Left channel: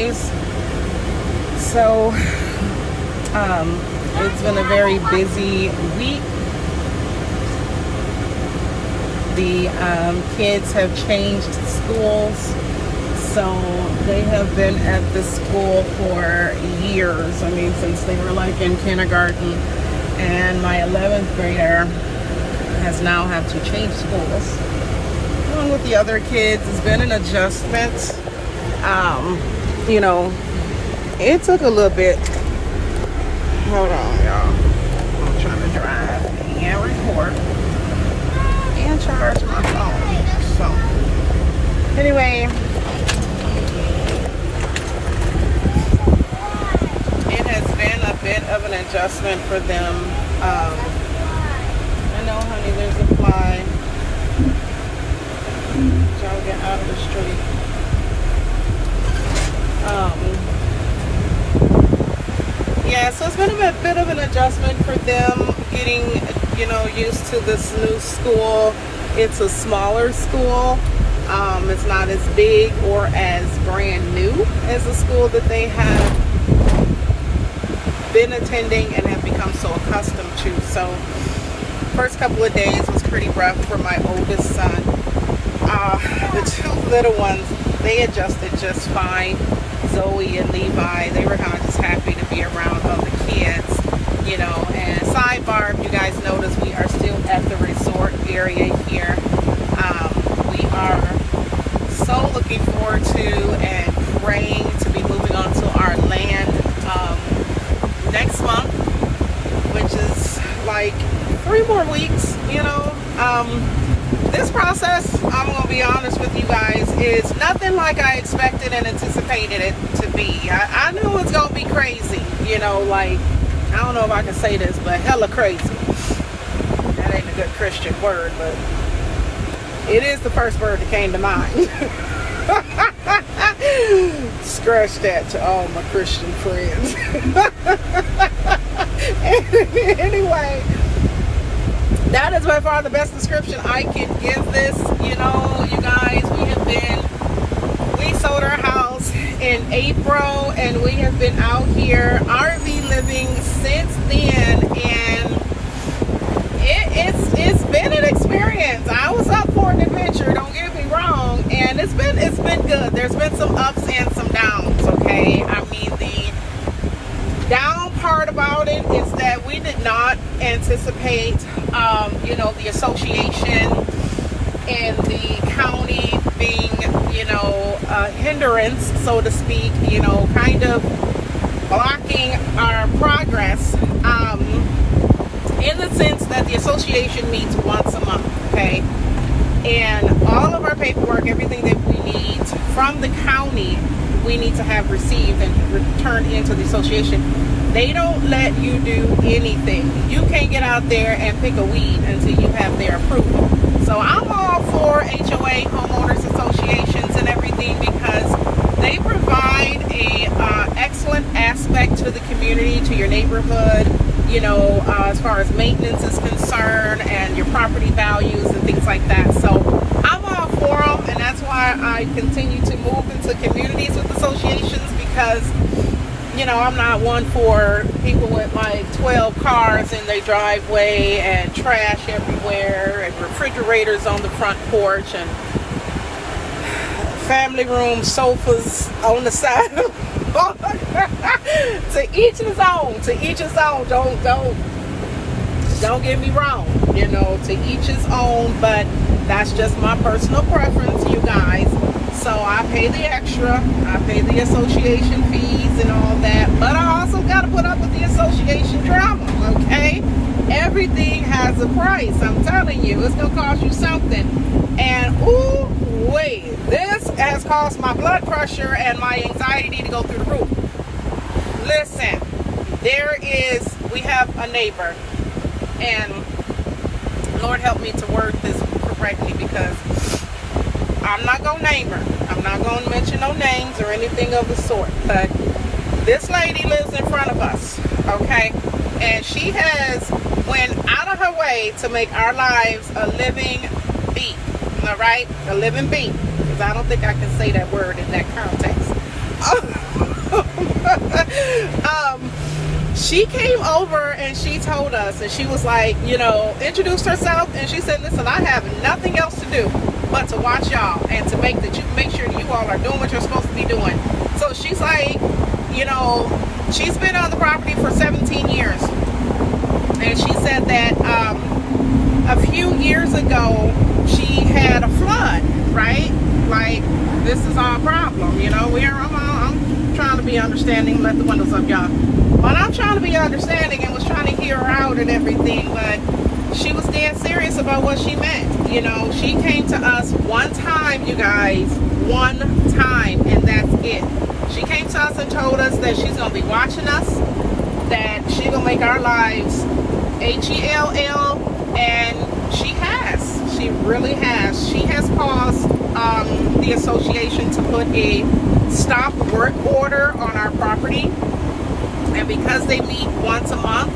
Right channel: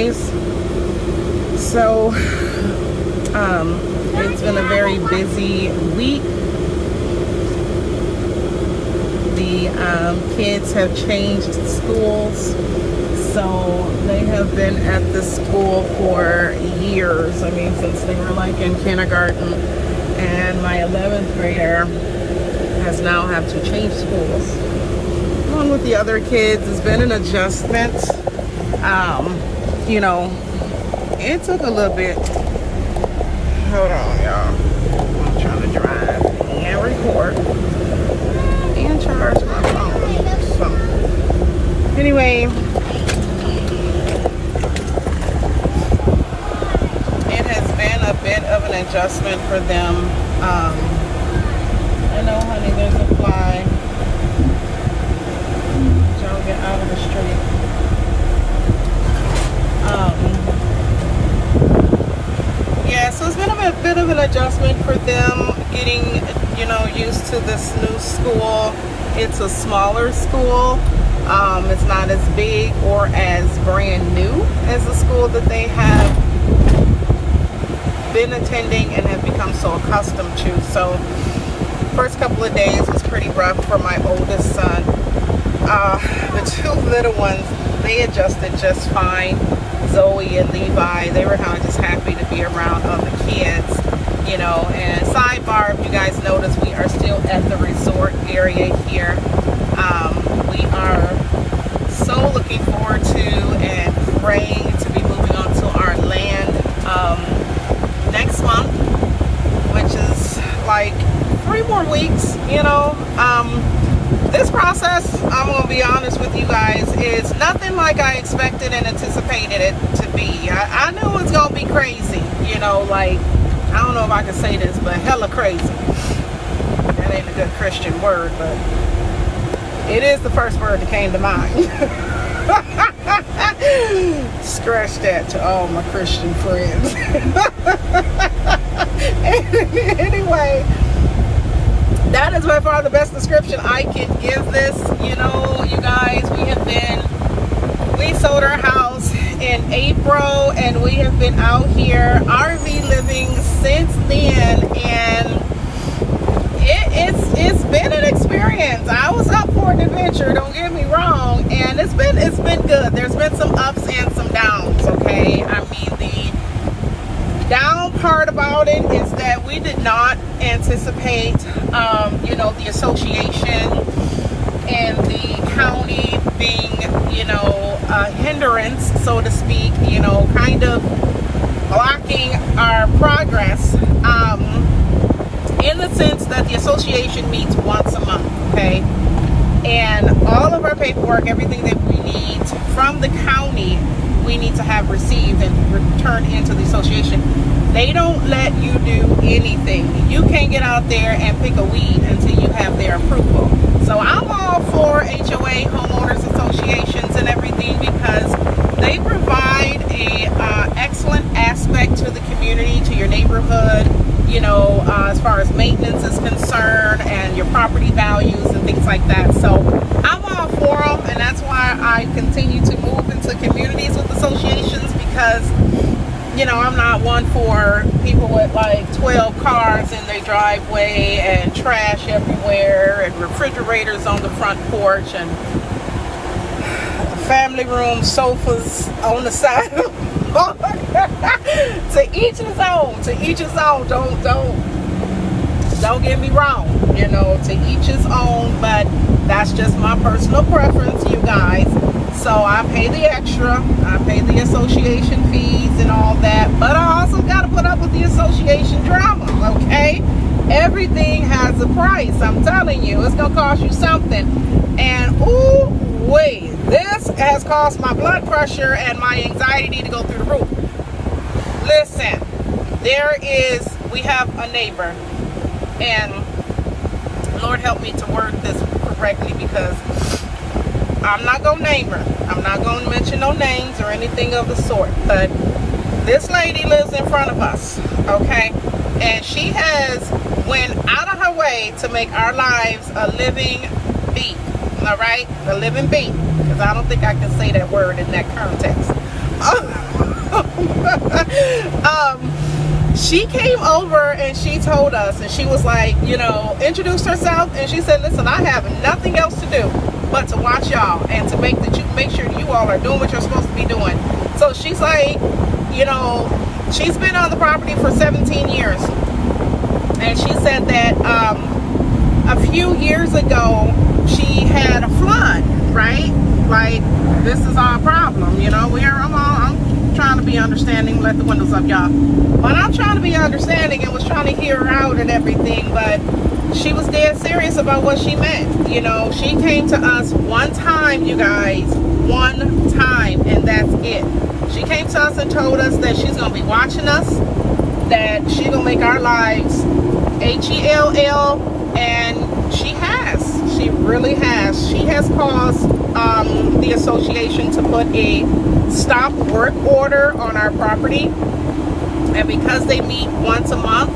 guys. So it's been a very busy week. The kids have changed schools, so they have been at the school for years. I mean, since they were like in kindergarten, and my 11th grader has now had to change schools along with the other kids. It's been an adjustment. You know, it took a little bit. Hold on, y'all. I'm trying to drive and record and charge my phone. So anyway, it has been a bit of an adjustment for them. I know, honey, there's a fly. Y'all get out of the street. Yeah, so it's been a bit of an adjustment for them getting, you know, used to this new school. It's a smaller school. It's not as big or as brand new as the school that they have been attending and have become so accustomed to. So first couple of days was pretty rough for my oldest son. The two little ones, they adjusted just fine. Zoe and Levi, they were kind of just happy to be around other kids, you know. And sidebar, if you guys notice, we are still at the resort area here. We are so looking forward to and praying to be moving on to our land next month, which is like 3 more weeks, you know. This process, I'm going to be honest with you guys, is nothing like I expected and anticipated it to be. I knew it was going to be crazy, you know, like, I don't know if I can say this, but hella crazy. That ain't a good Christian word, but it is the first word that came to mind. Scratch that to all my Christian friends. Anyway, that is by far the best description I can give this. You know, you guys, we sold our house in April, and we have been out here RV living since then, and it's been an experience. I was up for an adventure, don't get me wrong, and it's been good. There's been some ups and some downs, okay? I mean, the down part about it is that we did not anticipate, you know, the association and the county being, you know, a hindrance, so to speak, you know, kind of blocking our progress, in the sense that the association meets once a month, okay? And all of our paperwork, everything that we need from the county, we need to have received and returned into the association. They don't let you do anything. You can't get out there and pick a weed until you have their approval. So I'm all for HOA, homeowners associations and everything, because they provide a excellent aspect to the community, to your neighborhood, you know, as far as maintenance is concerned and your property values and things like that. So I'm all for them, and that's why I continue to move into communities with associations, because, you know, I'm not one for people with like 12 cars in their driveway and trash everywhere and refrigerators on the front porch and family room sofas on the side of the to each his own, to each his own. Don't get me wrong, you know, to each his own, but that's just my personal preference, you guys. So I pay the extra, I pay the association fees and all that, but I also got to put up with the association drama, okay? Everything has a price. I'm telling you, it's gonna cost you something. And ooh wait, this has caused my blood pressure and my anxiety to go through the roof. Listen, we have a neighbor, and Lord help me to word this correctly, because I'm not gonna name her. I'm not gonna mention no names or anything of the sort, but this lady lives in front of us, okay? And she has went out of her way to make our lives a living beat, all right? A living beat, because I don't think I can say that word in that context. She came over and she told us, and she was like, you know, introduced herself, and she said, listen, I have nothing else to do but to watch y'all and to make sure you all are doing what you're supposed to be doing. So she's like, you know, she's been on the property for 17 years, and she said that a few years ago she had a flood, right? Like, this is our problem, you know. I'm trying to be understanding. Let the windows up, y'all. But I'm trying to be understanding and was trying to hear her out and everything, but she was dead serious about what she meant. You know, she came to us one time, you guys, one time, and that's it. She came to us and told us that she's going to be watching us, that she's going to make our lives HELL, and she has. She really has. She has caused the association to put a stop work order on our property. And because they meet once a month,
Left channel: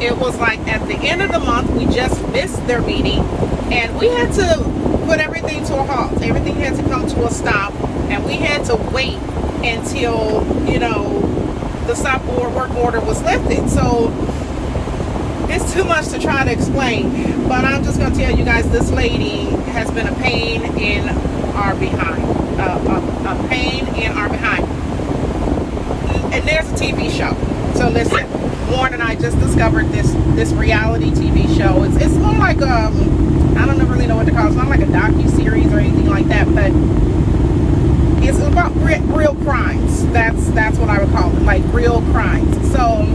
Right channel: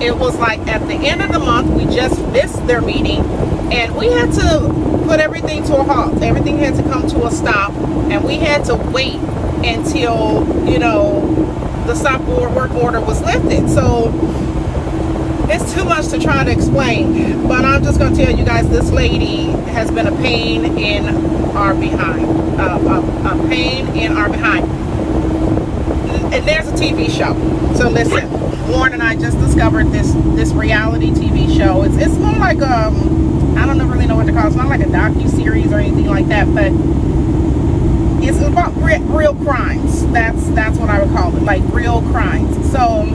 it was like at the end of the month, we just missed their meeting, and we had to put everything to a halt. Everything had to come to a stop, and we had to wait until, you know, the stop work order was lifted. So it's too much to try to explain, but I'm just going to tell you guys, this lady has been a pain in our behind, a pain in our behind. And there's a TV show. So listen, Warren and I just discovered this reality TV show. It's more like I don't really know what to call it. It's not like a docu-series or anything like that, but it's about real crimes. That's what I would call it, like real crimes. So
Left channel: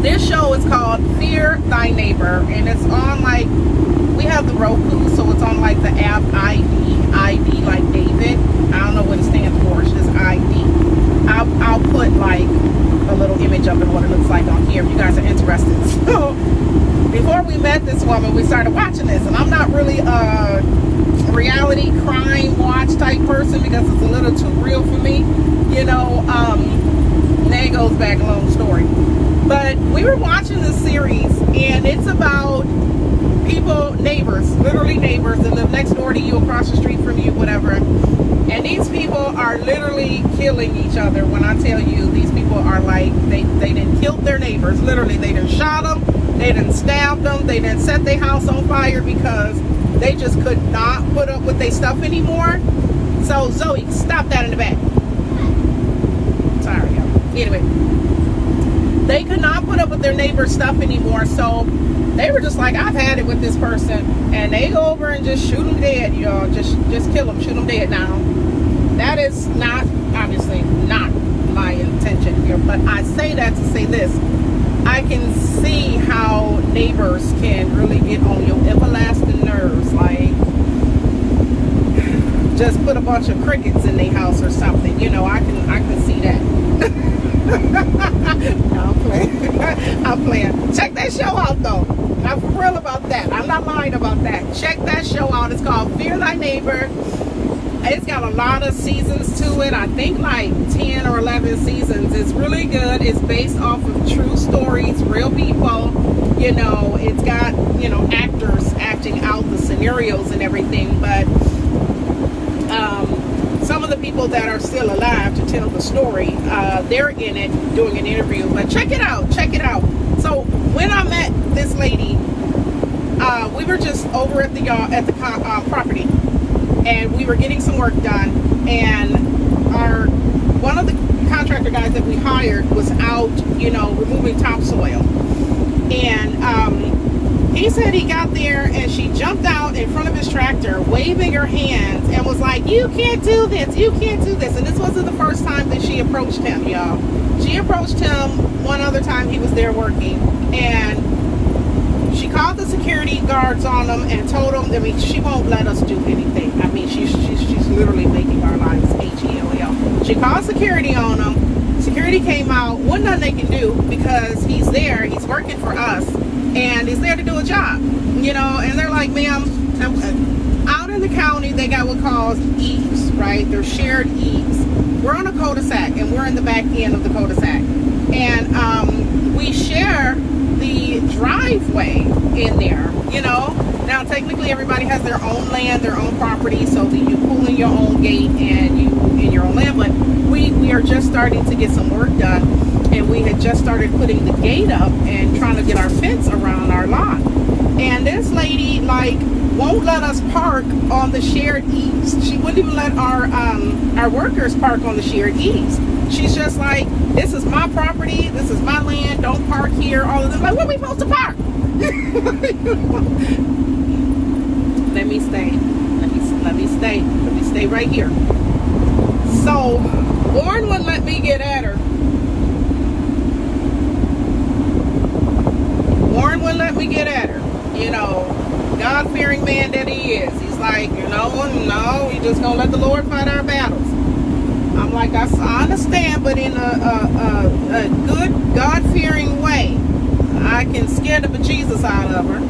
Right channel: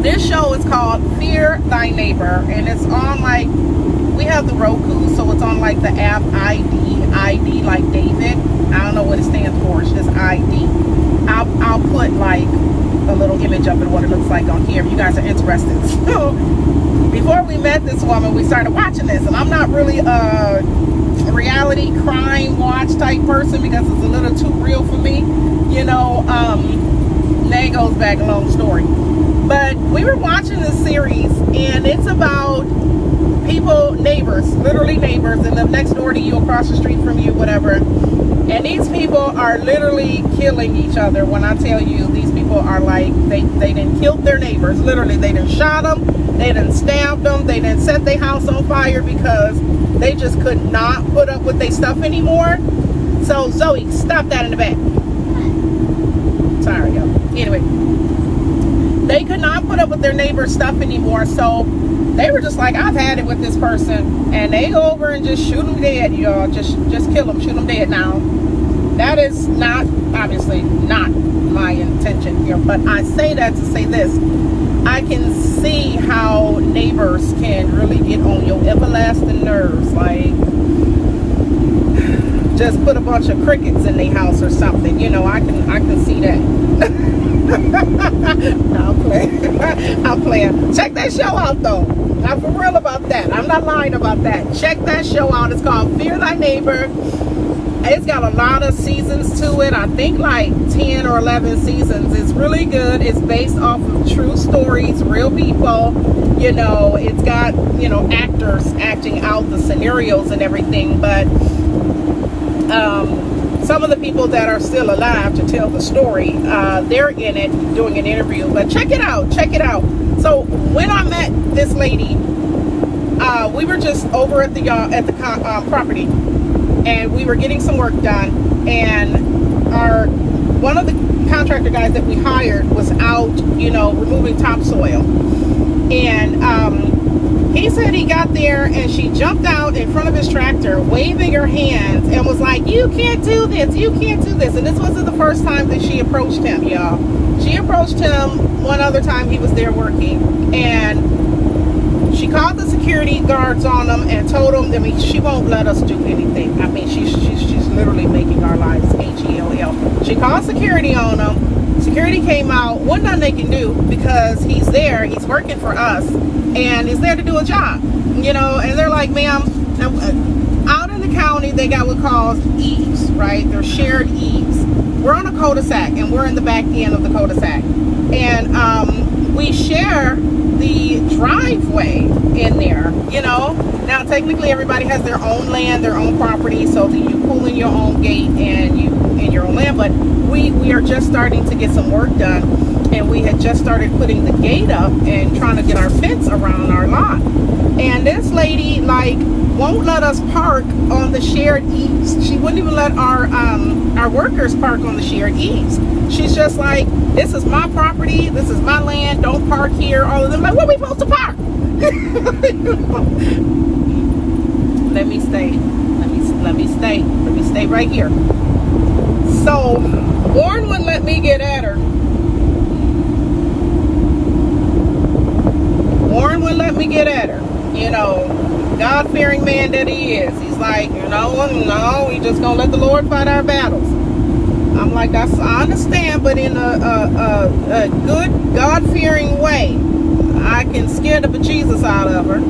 this show is called Fear Thy Neighbor, and it's on, like, we have the Roku, so it's on like the app ID like David. I don't know what it stands for. It's just ID. I'll put like a little image of it, what it looks like on here if you guys are interested. So before we met this woman, we started watching this, and I'm not really a reality crime watch type person because it's a little too real for me, you know. That goes back a long story, but we were watching this series, and it's about people, neighbors, literally neighbors that live next door to you, across the street from you, whatever. And these people are literally killing each other. When I tell you, these people are like, they done killed their neighbors. Literally, they done shot them, they done stabbed them, they done set their house on fire because they just could not put up with their stuff anymore. So, Zoe, stop that in the back. Sorry, y'all. Anyway, they could not put up with their neighbor's stuff anymore, so they were just like, I've had it with this person, and they go over and just shoot them dead, y'all. Just kill them, shoot them dead. Now, that is not, obviously, not my intention here, but I say that to say this. I can see how neighbors can really get on your everlasting nerves, like, just put a bunch of crickets in their house or something, you know. I can see that. No, I'm playing. I'm playing. Check that show out, though. I'm for real about that. I'm not lying about that. Check that show out. It's called Fear Thy Neighbor. It's got a lot of seasons to it. I think like 10 or 11 seasons. It's really good. It's based off of true stories, real people. You know, it's got, you know, actors acting out the scenarios and everything. But some of the people that are still alive to tell the story, they're in it doing an interview. But check it out. Check it out. So when I met this lady, we were just over at the property, and we were getting some work done, and one of the contractor guys that we hired was out, you know, removing topsoil, and he said he got there and she jumped out in front of his tractor waving her hands and was like, you can't do this, you can't do this. And this wasn't the first time that she approached him, y'all. She approached him one other time he was there working, and she called the security guards on him and told them, I mean, she won't let us do anything. I mean, she's literally making our lives HELL. She called security on him. Security came out. One nothing they can do because he's there. He's working for us, and he's there to do a job, you know. And they're like, ma'am, out in the county, they got what calls eaves, right? They're shared eaves. We're on a cul-de-sac, and we're in the back end of the cul-de-sac, and we share the driveway in there, you know. Now technically everybody has their own land, their own property, so that you pull in your own gate and you in your own land. But we are just starting to get some work done, and we had just started putting the gate up and trying to get our fence around our lot. And this lady like won't let us park on the shared eaves. She wouldn't even let our workers park on the shared eaves. She's just like, this is my property, this is my land, don't park here. All of them like, where we supposed to park? Let me stay right here. So Warren wouldn't let me get at her. Warren wouldn't let me get at her. You know, God-fearing man that he is. He's like, you know, no, we just gonna let the Lord fight our battles. I'm like, I understand, but in a good God-fearing way, I can scare the bejesus out of her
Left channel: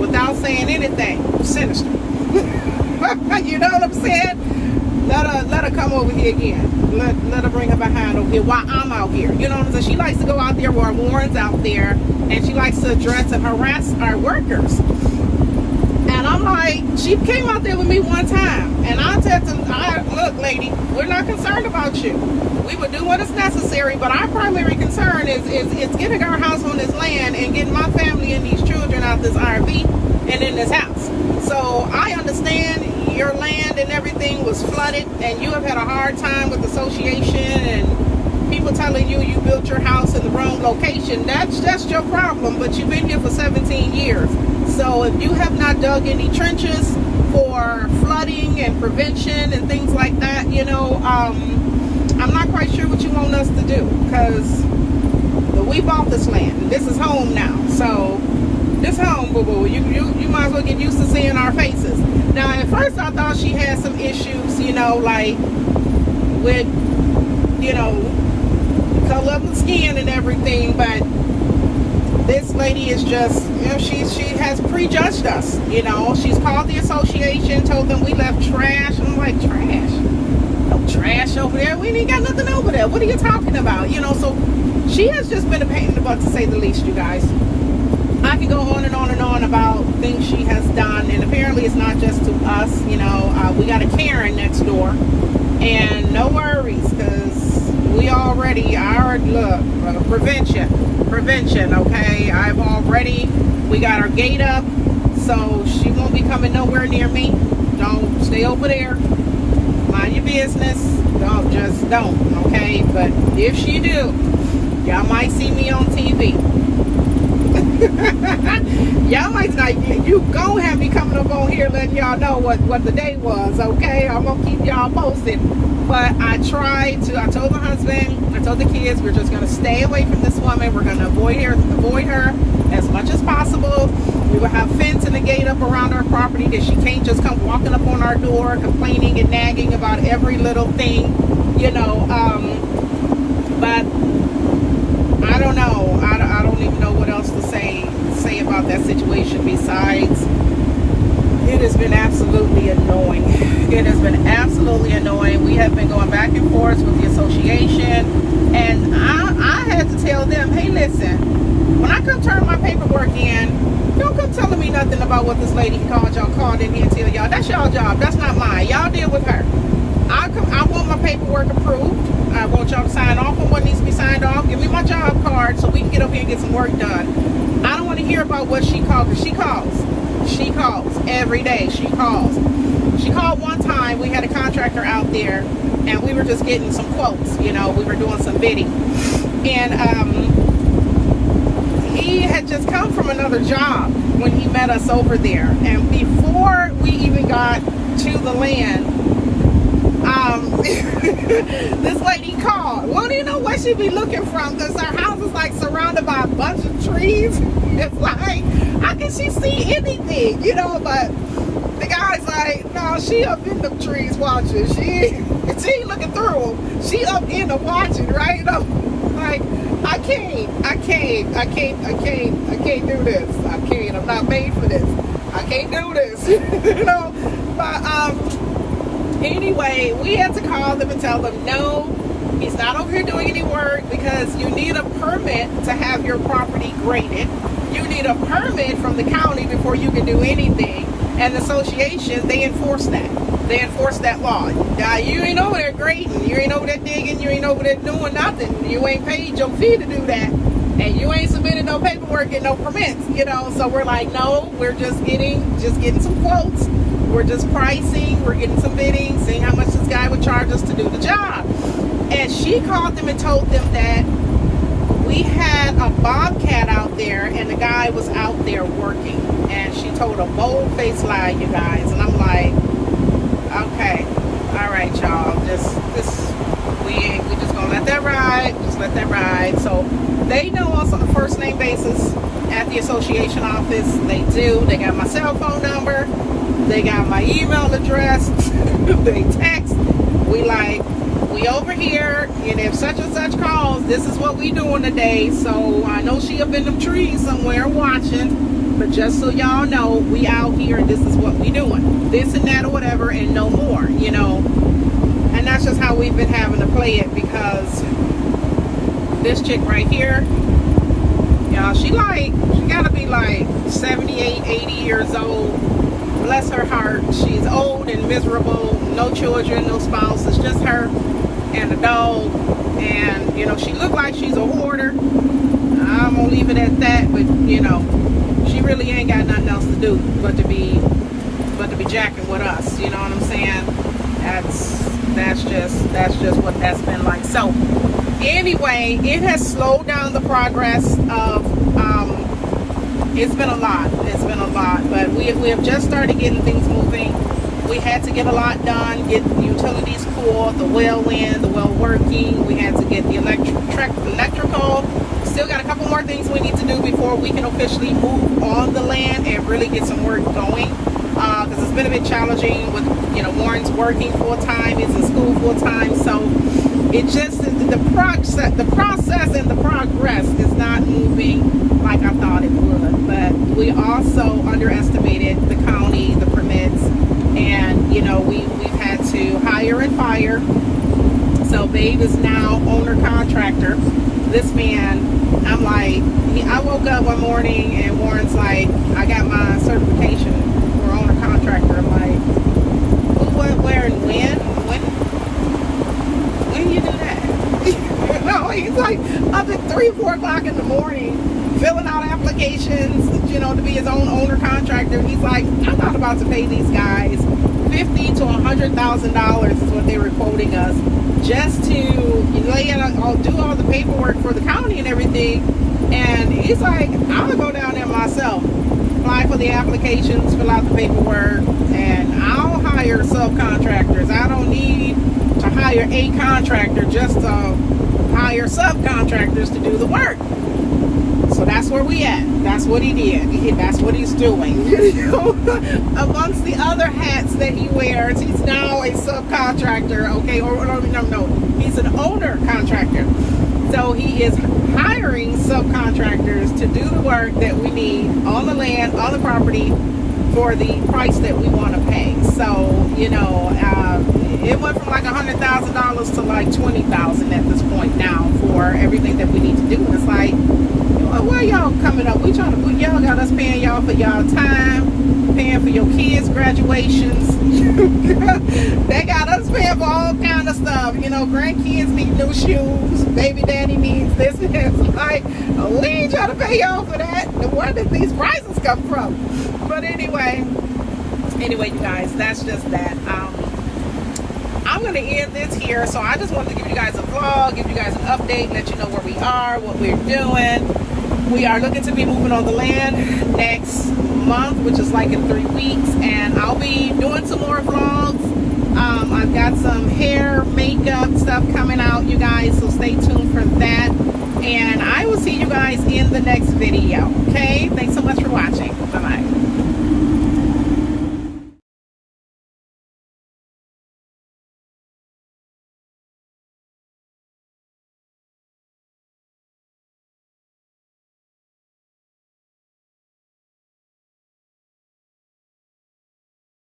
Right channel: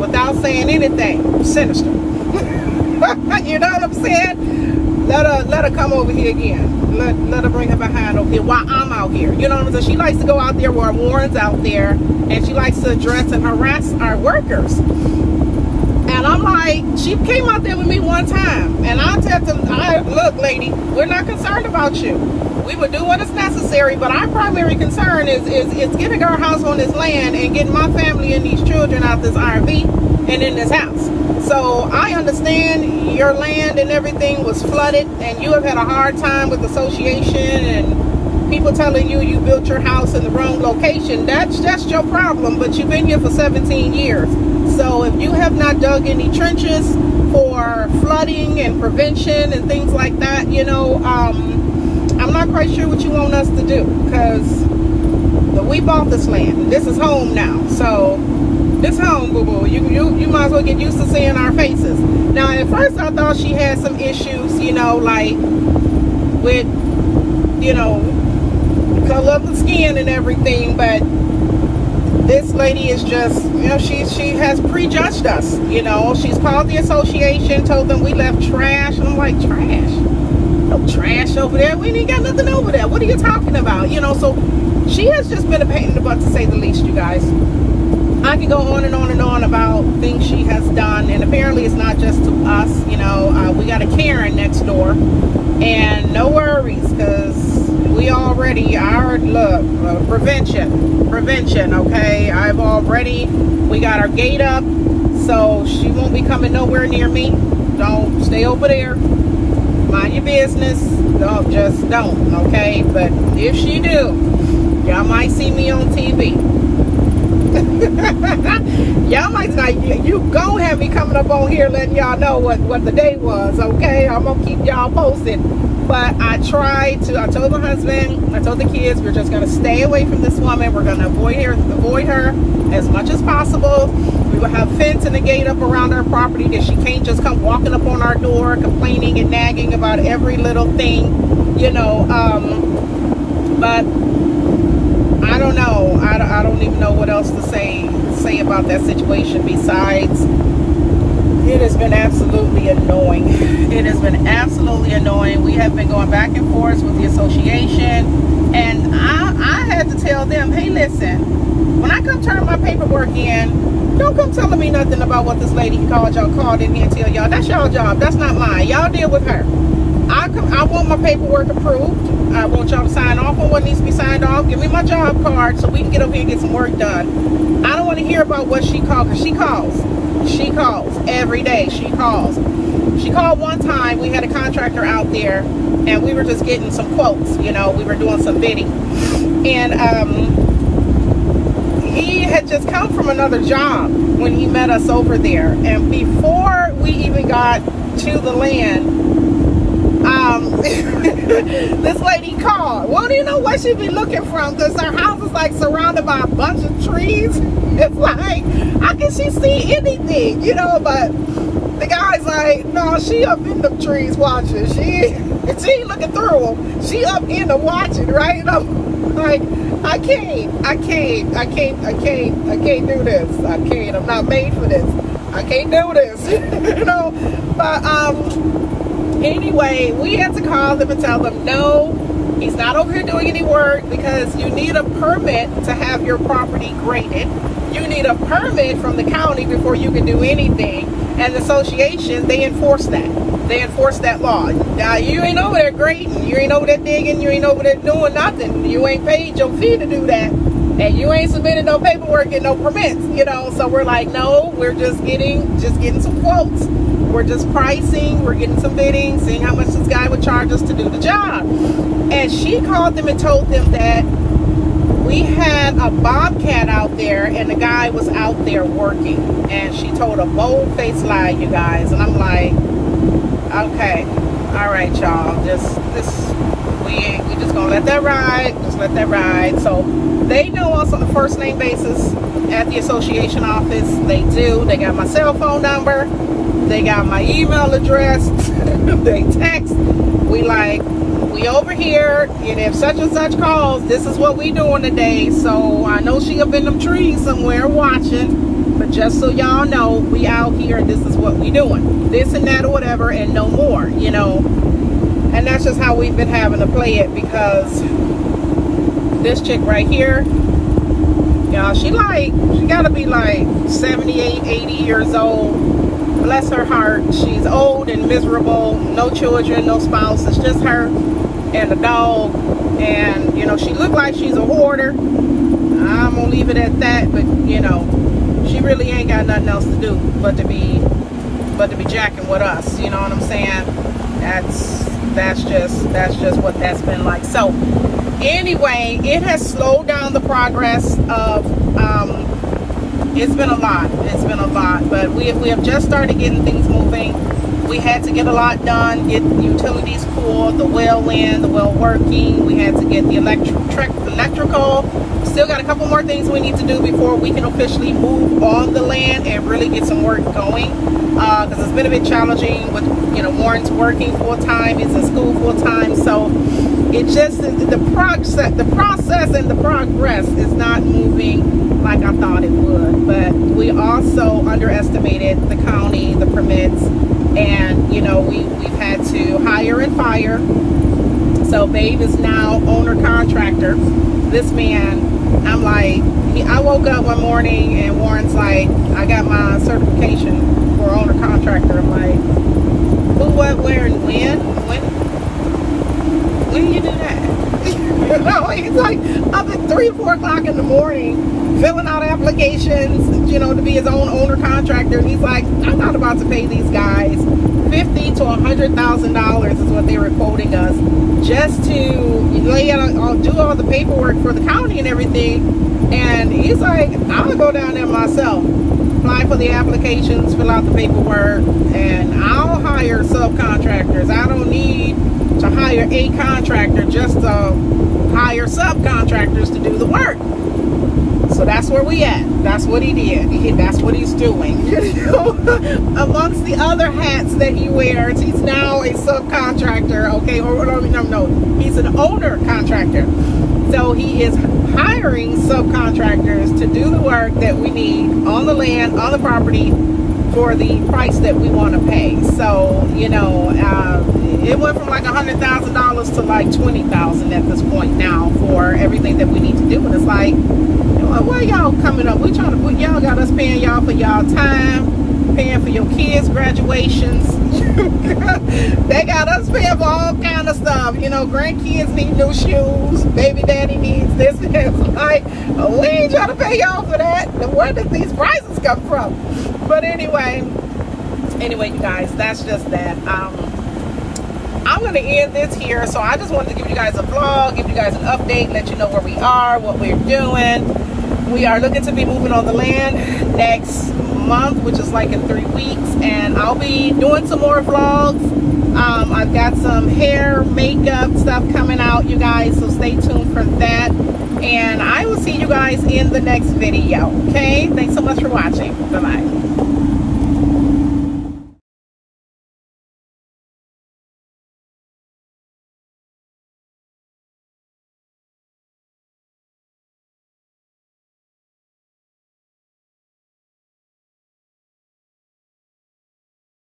without saying anything sinister. You know what I'm saying? Let her come over here again. Let her bring her behind over here while I'm out here. You know what I'm saying? She likes to go out there while Warren's out there, and she likes to address and harass our workers. And I'm like, she came out there with me one time, and I said to her, look, lady, we're not concerned about you. We would do what is necessary, but our primary concern is getting our house on this land and getting my family and these children out this RV and in this house. So I understand your land and everything was flooded, and you have had a hard time with association and people telling you built your house in the wrong location. That's your problem, but you've been here for 17 years. So if you have not dug any trenches for flooding and prevention and things like that, you know, I'm not quite sure what you want us to do, because we bought this land and this is home now. So this home, boo-boo, you might as well get used to seeing our faces. Now, at first I thought she had some issues, you know, like with, you know, the color of the skin and everything, but this lady is just, you know, she has prejudged us. You know, she's called the association, told them we left trash, and I'm like, trash? No trash over there. We ain't got nothing over there. What are you talking about? You know, so she has just been a pain in the butt, to say the least, you guys. I can go on and on and on about things she has done, and apparently it's not just to us. You know, we got a Karen next door, and no worries, because we already, prevention, okay? We got our gate up, so she won't be coming nowhere near me. Don't stay over there. Mind your business. Don't, okay? But if she do, y'all might see me on TV. Y'all might like, you gon' have me coming up on here letting y'all know what the day was, okay? I'm gonna keep y'all posted. But I told the husband, I told the kids, we're just gonna stay away from this woman. We're gonna avoid her as much as possible. We will have fence and a gate up around our property that she can't just come walking up on our door complaining and nagging about every little thing, you know. But I don't know. I don't even know what else to say about that situation besides it has been absolutely annoying. It has been absolutely annoying. We have been going back and forth with the association, and I had to tell them, hey, listen, when I come turn my paperwork in, don't come telling me nothing about what this lady called in here and tell y'all. That's y'all job. That's not mine. Y'all deal with her. I want my paperwork approved. I want y'all to sign off on what needs to be signed off. Give me my job card so we can get over here and get some work done. I don't want to hear about what she called, because she calls. She calls every day. She calls. She called one time. We had a contractor out there, and we were just getting some quotes. You know, we were doing some bidding, and he had just come from another job when he met us over there. And before we even got to the land, this lady called. Well, do you know where she'd be looking from? Because her house is like surrounded by a bunch of trees. It's like, how can she see anything? You know, but the guy's like, no, she up in the trees watching. She ain't looking through them. She up in the watching, right? And I'm like, I can't do this. I can't. I'm not made for this. I can't do this. You know, but anyway, we had to call them and tell them, no, He's not over here doing any work because you need a permit to have your property graded. You need a permit from the county before you can do anything. And the association, they enforce that. They enforce that law. You ain't over there grading. You ain't over there digging. You ain't over there doing nothing. You ain't paid your fee to do that. And you ain't submitted no paperwork and no permits, you know. So we're like, no, we're just getting some quotes. We're just pricing. We're getting some bidding, seeing how much this guy would charge us to do the job. And she called them and told them that we had a bobcat out there and the guy was out there working. And she told a bold-faced lie, you guys. And I'm like, okay, all right, y'all. We just gonna let that ride. Just let that ride. So they know us on a first name basis at the association office. They do. They got my cell phone number. They got my email address. They text. We over here, and if such and such calls, this is what we doing today. So I know she up in them trees somewhere watching, but just so y'all know, we out here and this is what we doing. This and that or whatever, and no more, you know. And that's just how we've been having to play it, because this chick right here, y'all, she gotta be like 78, 80 years old. Bless her heart. She's old and miserable, no children, no spouse. It's just her and the dog. And you know, she looked like she's a hoarder. I'm gonna leave it at that. But you know, she really ain't got nothing else to do but to be jacking with us. You know what I'm saying? That's just what that's been like. So anyway, it has slowed down the progress of it's been a lot, but we have just started getting things moving. We had to get a lot done, get utilities pulled, the well in, the well working. We had to get the electrical. Still got a couple more things we need to do before we can officially move on the land and really get some work going. Because it's been a bit challenging with, you know, Warren's working full time, he's in school full time, so it just the process and the progress is not moving like I thought it would. But we also underestimated the county, the permits, and you know, we've had to hire and fire. So Babe is now owner contractor. This man, I'm like, I woke up one morning and Warren's like, I got my certification for owner contractor. I'm like, who, what, where, and when you do that? You know, he's like up at 3 or 4 o'clock in the morning filling out applications, you know, to be his own owner contractor. And he's like, I'm not about to pay these guys $50,000 to $100,000 is what they were quoting us just to lay out, do all the paperwork for the county and everything. And he's like, I'll go down there myself, apply for the applications, fill out the paperwork, and I'll hire subcontractors. I don't need to hire a contractor just to hire subcontractors to do the work. So that's where we at. That's what he did. That's what he's doing. You know? Amongst the other hats that he wears, he's now a subcontractor. Okay, no, he's an owner contractor. So he is hiring subcontractors to do the work that we need on the land, on the property, for the price that we want to pay. So, you know, it went from like $100,000 to like $20,000 at this point now for everything that we need to do. And it's like, where y'all coming up? We trying to put y'all, got us paying y'all for y'all time, paying for your kids' graduations. They got us paying for all kind of stuff. You know, grandkids need new shoes, baby daddy needs this. It's like, we ain't trying to pay y'all for that. Where did these prices come from? But anyway, you guys, that's just that. I'm going to end this here. So I just wanted to give you guys a vlog, give you guys an update, let you know where we are, what we're doing. We are looking to be moving on the land next month, which is like in 3 weeks. And I'll be doing some more vlogs. I've got some hair, makeup stuff coming out, you guys. So stay tuned for that. And I will see you guys in the next video. Okay? Thanks so much for watching. Bye-bye.